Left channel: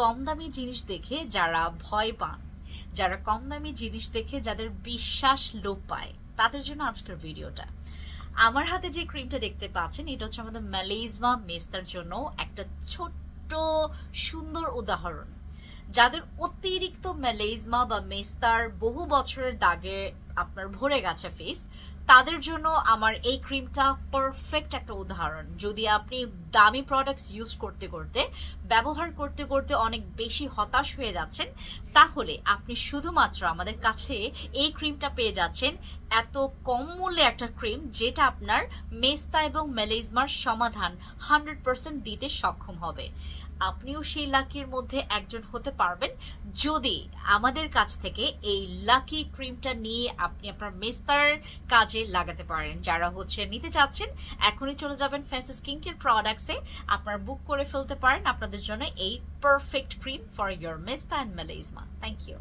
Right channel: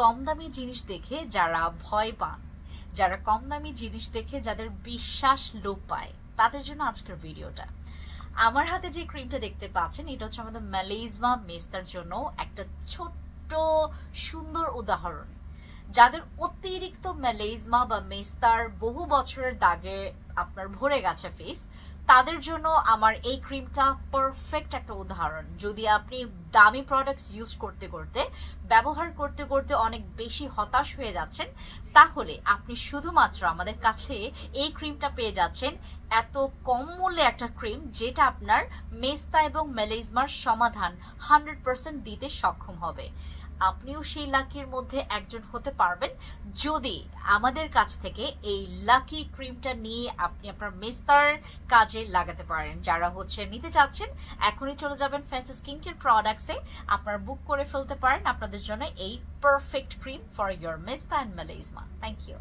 কম দামি জিনিস দেখে যারা ভয় পান, যারা কম দামি জিনিস দেখে যাদের বিশ্বাস লোপ পায়, তাদের জন্য আজকের ভিডিওটা। আমার হাতে যে ক্রিমটা দেখতে পাচ্ছেন এটা হচ্ছে আমাদের মেলাইজমা মেস্তার জন্য একটা ছোট্ট সুন্দর উদাহরণ। যাদের অতিরিক্ত মেলাইজমা বা মেস্তার বহু বছরের দাগে আপনার ভরে গেছে ফেস, তাদের জন্য আমার এই ক্রিমটা পারফেক্ট একটা উদাহরণ। যদি আপনি দামি প্রোডাক্টস ইউজ করতে করতে, ব্যবহার করতে করতে অনেক বেশি হতাশ হয়ে যাচ্ছেন, তাহলে আপনি শুধুমাত্র আমাদের কাছে এই ক্রিমটা পেয়ে যাচ্ছেন। এত কম মূল্যে একটা ক্রিম যেটা আপনার মেস্তা এবং মেলাইজমার সমাধান 100% দিতে সক্ষম হবে। আপনিও সেই লাকির মধ্যে একজন হতে পারবেন যদি আমাদের কাছ থেকে এই লাকি ক্রিমটা নিয়ে আপনি আপনার মেস্তার কাজে লাগাতে পারেন। যারা নিতে চাচ্ছেন এখনই চলে যাবেন ফ্যান্সি স্কিন কেয়ার প্রোডাক্টসে, আপনারা বুক করে ফেলতে পারেন আপনাদের জন্য এই পারফেক্ট ক্রিম ফর ইয়োর মেস্তা এন্ড মেলাইজমা। Thank you.